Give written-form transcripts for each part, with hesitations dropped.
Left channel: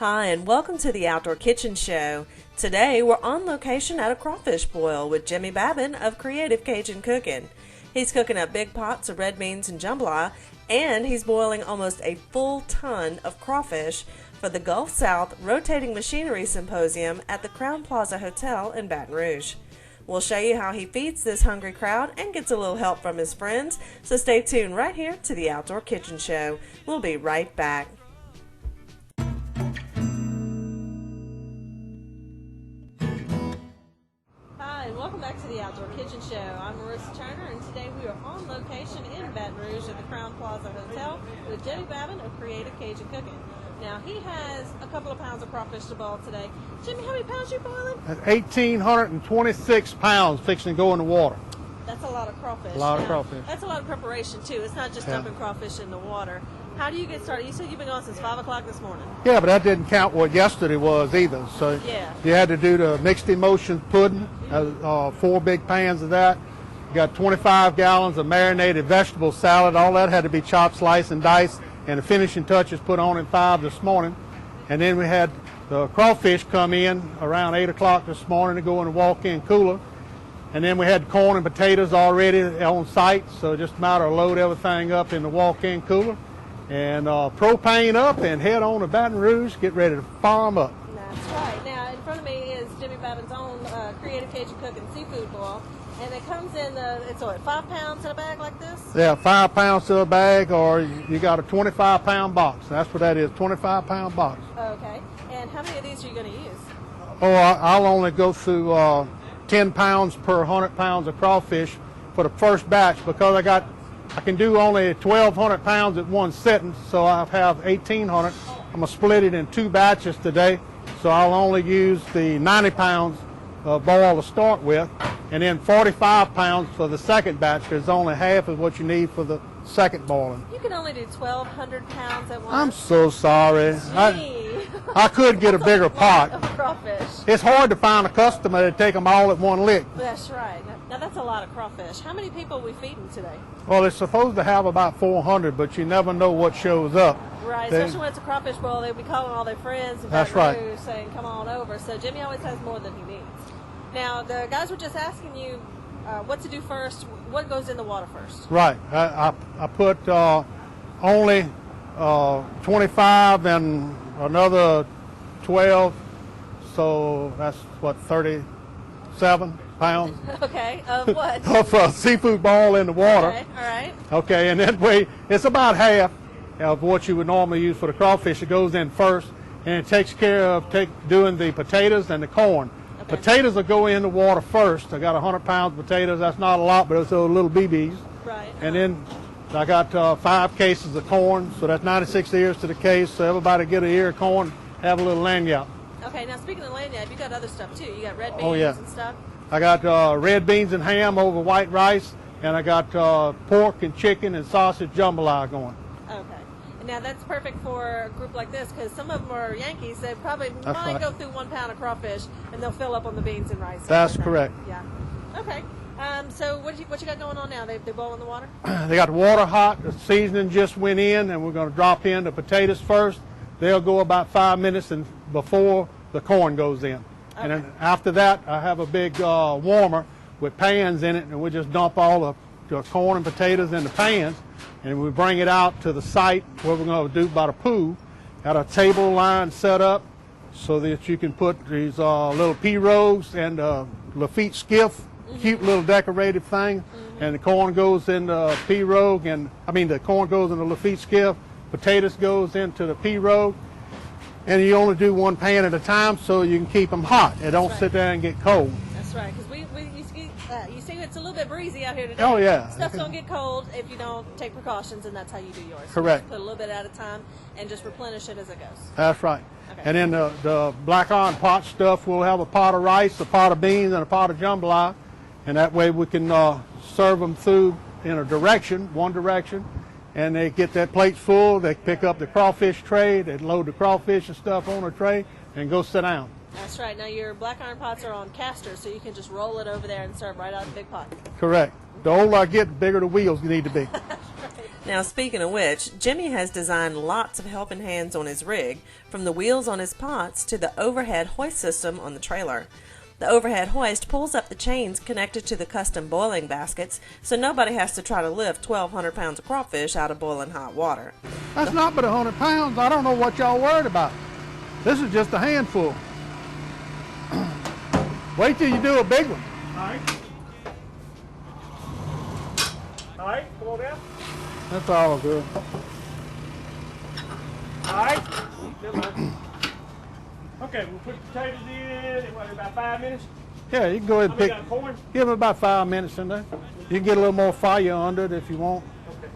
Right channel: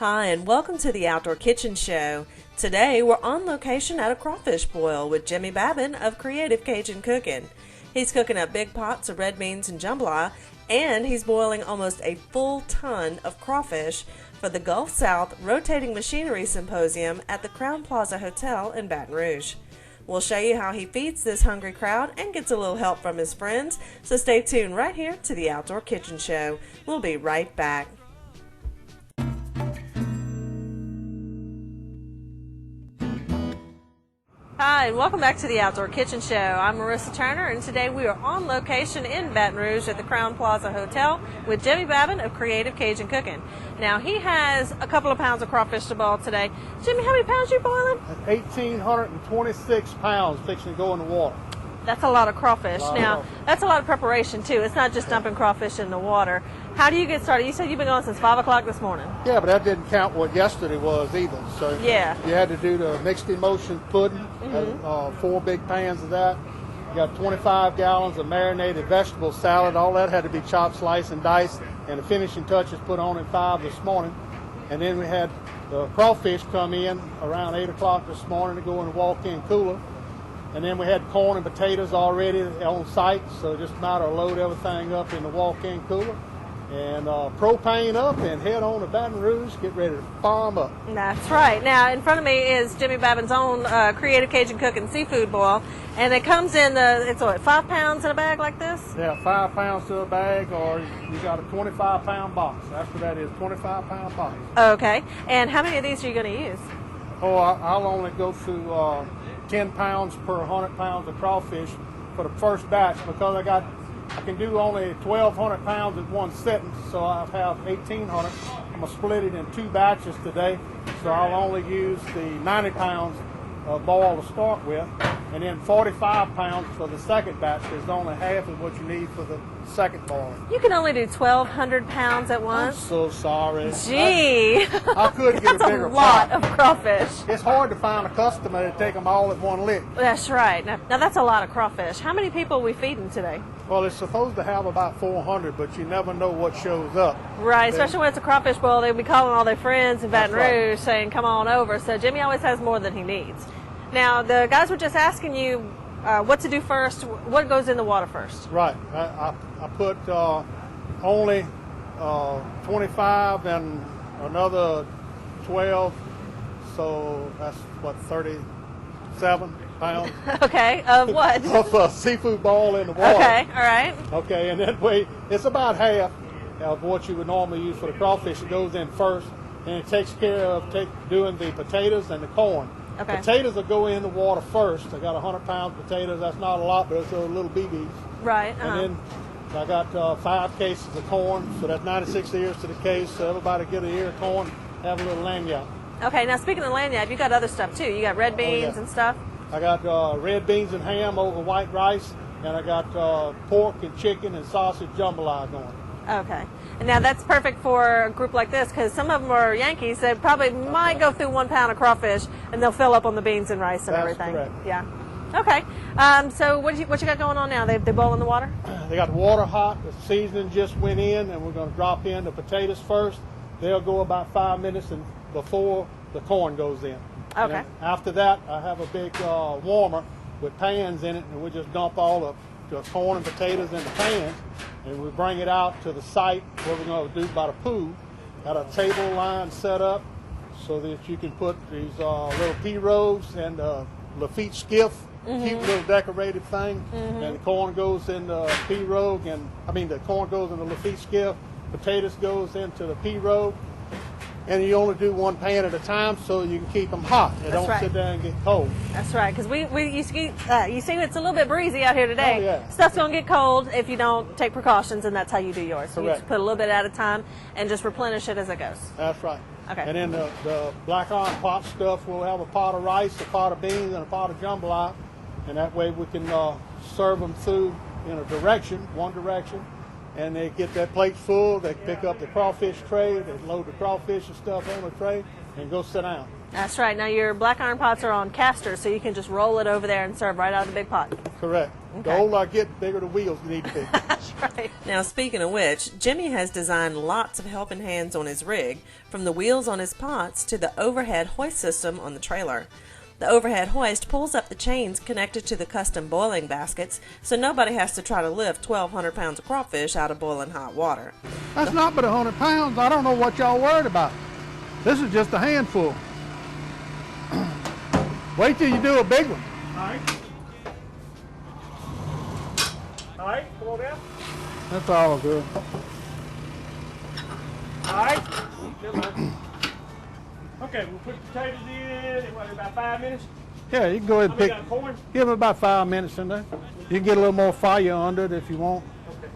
Hi, and welcome to the Outdoor Kitchen Show. Today, we're on location at a crawfish boil with Jimmy Babin of Creative Cajun Cooking. He's cooking up big pots of red beans and jambalaya, and he's boiling almost a full ton of crawfish for the Gulf South Rotating Machinery Symposium at the Crowne Plaza Hotel in Baton Rouge. We'll show you how he feeds this hungry crowd and gets a little help from his friends, so stay tuned right here to the Outdoor Kitchen Show. We'll be right back. Hi, and welcome back to the Outdoor Kitchen Show. I'm Marissa Turner, and today we are on location in Baton Rouge at the Crowne Plaza Hotel with Jimmy Babin of Creative Cajun Cooking. Now, he has a couple of pounds of crawfish to boil today. Jimmy, how many pounds are you boiling? 1,826 pounds fixing to go in the water. That's a lot of crawfish. That's a lot of preparation, too. It's not just dumping crawfish in the water. How do you get started? You said you've been going since 5 o'clock this morning. Yeah, but that didn't count what yesterday was either. So yeah, you had to do the mixed emulsion pudding, 4 big pans of that. You got 25 gallons of marinated vegetable salad. All that had to be chopped, sliced, and diced, and the finishing touches put on at 5 this morning. And then we had the crawfish come in around 8 o'clock this morning to go in the walk-in cooler. And then we had corn and potatoes already on site, so just a matter of load everything up in the walk-in cooler and propane up and head on to Baton Rouge, get ready to farm up. That's right. Now, in front of me is Jimmy Babin's own Creative Cajun Cooking seafood boil, and it comes in it's what, 5 pounds in a bag like this? Yeah, 5 pounds to a bag, or you got a 25-pound box. That's what that is, 25-pound box. Okay. And how many of these are you going to use? Oh, I'll only go through 10 pounds per 100 pounds of crawfish for the first batch because I can do only 1,200 pounds at one sitting, so I have 1,800. I'm going to split it in 2 batches today, so I'll only use the 90 pounds boil to start with, and then 45 pounds for the second batch, because only half is what you need for the second boiling. You can only do 1,200 pounds at once? I'm so sorry. Gee. I could get a bigger pot. That's a lot of crawfish. It's hard to find a customer to take them all at one lick. That's right. Now that's a lot of crawfish. How many people are we feeding today? Well, it's supposed to have about 400, but you never know what shows up. Right, especially when it's a crawfish boil, they'll be calling all their friends in Baton Rouge saying, come on over. So Jimmy always has more than he needs. Now, the guys were just asking you what to do first. What goes in the water first? Right. I put only 25 and another 12, so that's what, 37 pounds. Okay, of what? Of a seafood ball in the water. Okay, all right. Okay, and that way it's about half of what you would normally use for the crawfish. It goes in first, and it takes care of doing the potatoes and the corn. Okay. Potatoes will go in the water first. I got 100 pounds of potatoes. That's not a lot, but it's those little BBs. Right. And then I got 5 cases of corn, so that's 96 ears to the case. So everybody get an ear of corn, have a little lanyard. Okay. Now speaking of lanyard, you got other stuff too. You got red beans and stuff. I got red beans and ham over white rice, and I got pork and chicken and sausage jambalaya going. Okay. And now that's perfect for a group like this because some of them are Yankees. They probably might go through 1 pound of crawfish and they'll fill up on the beans and rice. And that's everything. correct. Yeah. Okay. So what you got going on now? They boil in the water? They got the water hot. The seasoning just went in, and we're going to drop in the potatoes first. They'll go about 5 minutes and before the corn goes in. Okay. And then after that, I have a big warmer with pans in it, and we just dump all the corn and potatoes in the pans, and we bring it out to the site where we're going to do about a pool. Got a table line set up so that you can put these little pirogues and Lafitte skiff, cute little decorative thing, and the corn goes in the pirogue, the corn goes in the Lafitte skiff, potatoes goes into the pirogue, and you only do 1 pan at a time so you can keep them hot and don't sit there and get cold. That's right, because you see it's a little bit breezy out here today. Oh, yeah. Stuff's going to get cold if you don't take precautions, and that's how you do yours. Correct. You just put a little bit at a time and just replenish it as it goes. That's right. Okay. And then the black iron pot stuff, we'll have a pot of rice, a pot of beans, and a pot of jambalaya, and that way we can serve them through in one direction, and they get that plate full. They pick up the crawfish tray, they load the crawfish and stuff on the tray, and go sit down. That's right. Now your black iron pots are on casters, so you can just roll it over there and serve right out of the big pot. Correct. Okay. The older I get, the bigger the wheels need to be. That's right. Now, speaking of which, Jimmy has designed lots of helping hands on his rig, from the wheels on his pots to the overhead hoist system on the trailer. The overhead hoist pulls up the chains connected to the custom boiling baskets, so nobody has to try to lift 1,200 pounds of crawfish out of boiling hot water. That's not but 100 pounds. I don't know what y'all worried about. This is just a handful. Wait till you do a big one. All right. All right, come on down. That's all good. All right. Okay, we'll put the potatoes in about 5 minutes. Yeah, you can go ahead and pick. Corn? Give them about 5 minutes in there. You can get a little more fire under it if you want. Okay.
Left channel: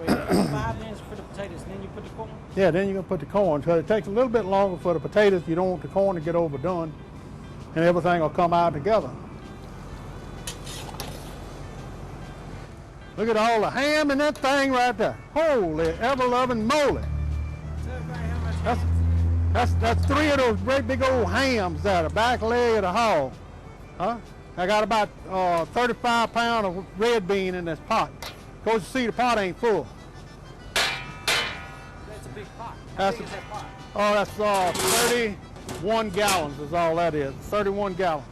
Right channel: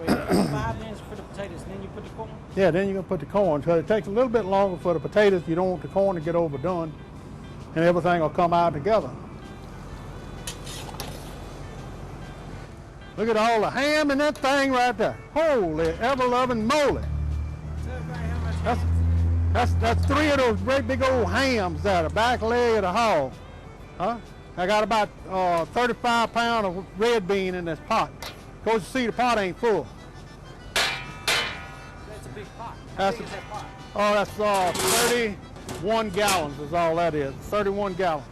Wait, 5 minutes for the potatoes, and then you put the corn? Yeah, then you're going to put the corn. So it takes a little bit longer for the potatoes. You don't want the corn to get overdone, and everything will come out together. Look at all the ham in that thing right there. Holy ever-loving moly. That's 3 of those great big old hams there, the back leg of the hog. Huh? I got about 35 pounds of red bean in this pot. Of course, you see the pot ain't full. That's a big pot. How big is that pot? Oh, that's 31 gallons is all that is. 31 gallons.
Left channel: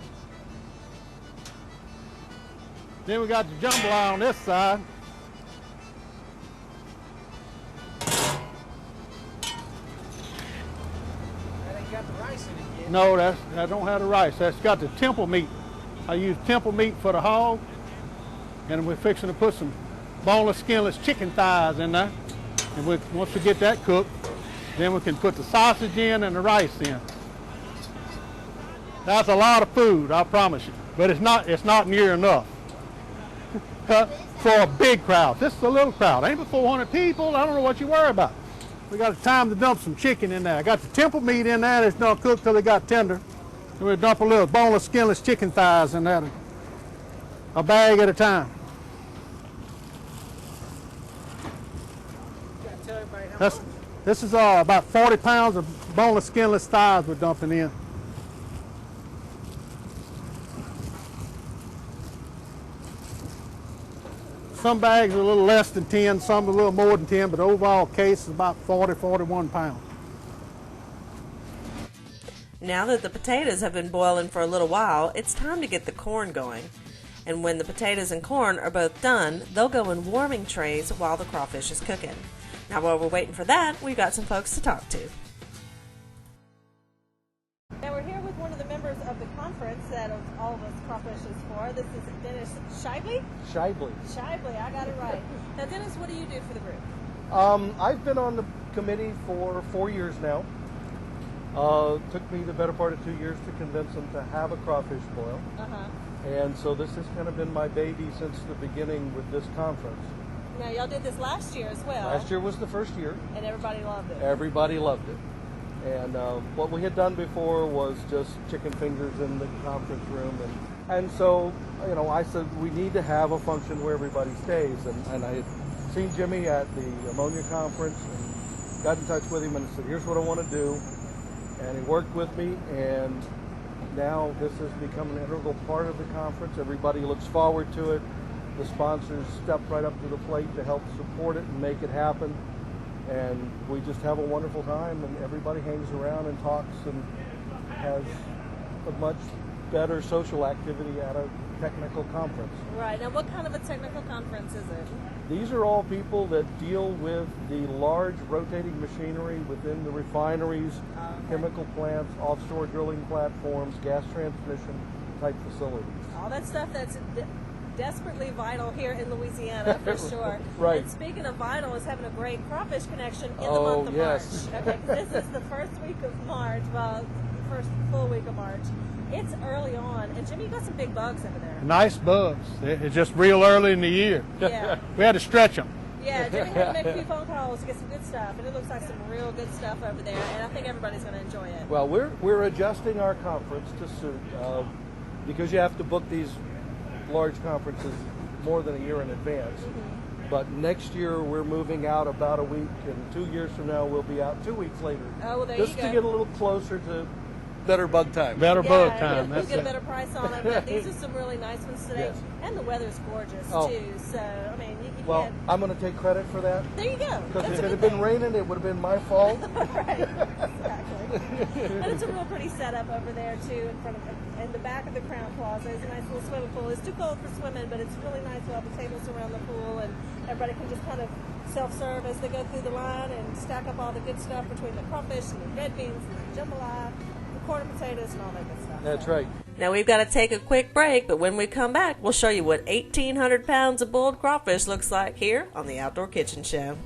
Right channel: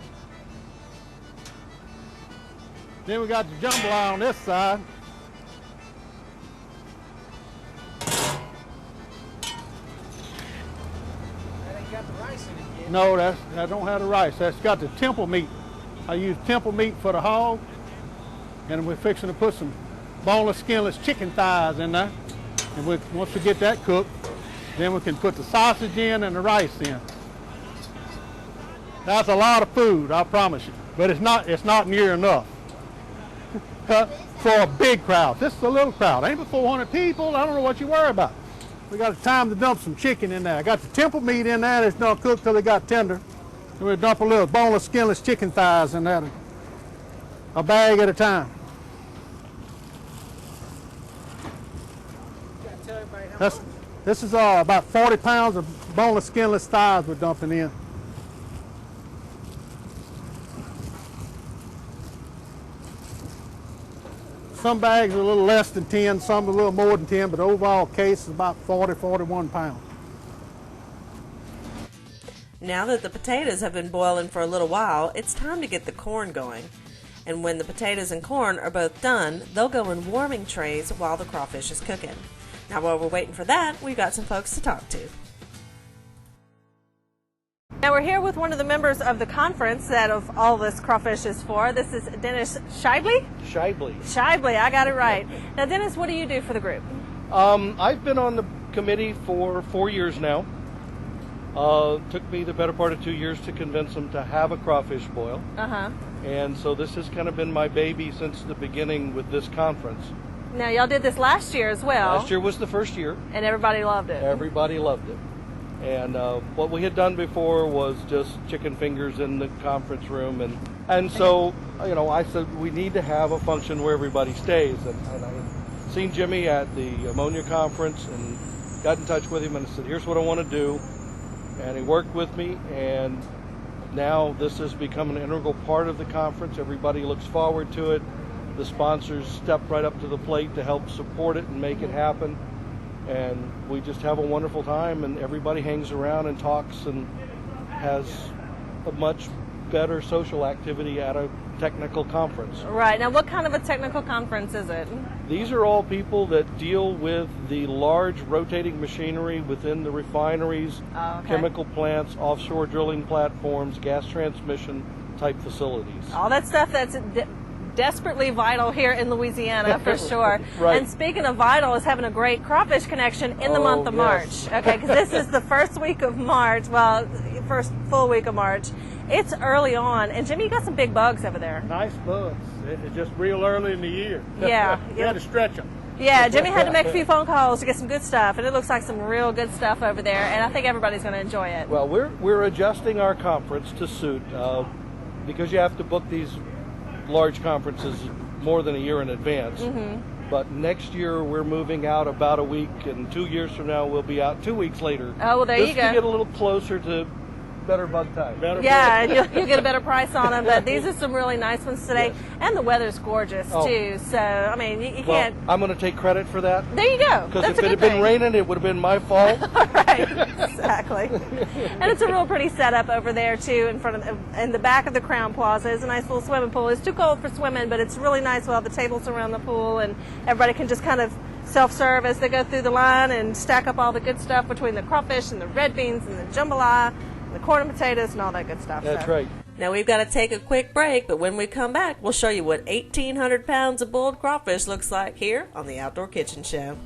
Then we got the jambalaya on this side. That ain't got the rice in it yet. No, that don't have the rice. That's got the temple meat. I use temple meat for the hog, and we're fixing to put some boneless, skinless chicken thighs in there. And once we get that cooked, then we can put the sausage in and the rice in. That's a lot of food, I promise you. But it's not near enough for a big crowd. This is a little crowd. Ain't but 400 people. I don't know what you worry about. We got time to dump some chicken in there. I got the temple meat in there that's not cooked till it got tender. And we'll dump a little boneless, skinless chicken thighs in there, a bag at a time. This is about 40 pounds of boneless, skinless thighs we're dumping in. Some bags are a little less than 10, some a little more than 10, but the overall case is about 40, 41 pounds. Now that the potatoes have been boiling for a little while, it's time to get the corn going. And when the potatoes and corn are both done, they'll go in warming trays while the crawfish is cooking. Now while we're waiting for that, we've got some folks to talk to. Now we're here with one of the members of the conference that of all this crawfish is for. This is Dennis Shibley? Shibley, I got it right. Now Dennis, what do you do for the group? I've been on the committee for 4 years now. Took me the better part of 2 years to convince them to have a crawfish boil. And so this has kind of been my baby since the beginning with this conference. Now y'all did this last year as well. Last year was the first year. And everybody loved it. Everybody loved it. And what we had done before was just chicken fingers in the conference room. And so, you know, I said we need to have a function where everybody stays. And I had seen Jimmy at the ammonia conference and got in touch with him and I said, here's what I want to do. And he worked with me, and now this has become an integral part of the conference. Everybody looks forward to it. The sponsors step right up to the plate to help support it and make it happen. And we just have a wonderful time, and everybody hangs around and talks and has a much better social activity at a technical conference. Right. Now, what kind of a technical conference is it? These are all people that deal with the large rotating machinery within the refineries, chemical plants, offshore drilling platforms, gas transmission type facilities. All that stuff that's desperately vital here in Louisiana, for sure. Right. And speaking of vital, is having a great crawfish connection in the month of yes. March. Okay, because this is the first week of March, well, first full week of March. It's early on, and Jimmy, you got some big bugs over there. Nice bugs. It's just real early in the year. Yeah. We had to stretch them. Yeah, Jimmy had to make a few phone calls to get some good stuff, and it looks like some real good stuff over there, and I think everybody's going to enjoy it. Well, we're adjusting our conference to suit, because you have to book these large conferences more than a year in advance. But next year we're moving out about a week, and 2 years from now we'll be out 2 weeks later. Oh, well, there you go. Just to get a little closer to better bug time. Better Yeah, bug time. you'll get a better price on them, but these are some really nice ones today. Yes. And the weather's gorgeous, Oh. too. So, I mean, you Well, can't... I'm going to take credit for that. There you go. Because That's if a it good had been thing. raining, it would have been my fault. Right, exactly. And it's a real pretty setup over there, too, in the back of the Crown Plaza. It's a nice little swimming pool. It's too cold for swimming, but it's really nice with all the tables around the pool, and everybody can just kind of self-serve as they go through the line and stack up all the good stuff between the crawfish and the red beans and the jambalaya, the corn and potatoes and all that good stuff. That's So. right. Now we've got to take a quick break, but when we come back, we'll show you what 1,800 pounds of boiled crawfish looks like here on the Outdoor Kitchen Show.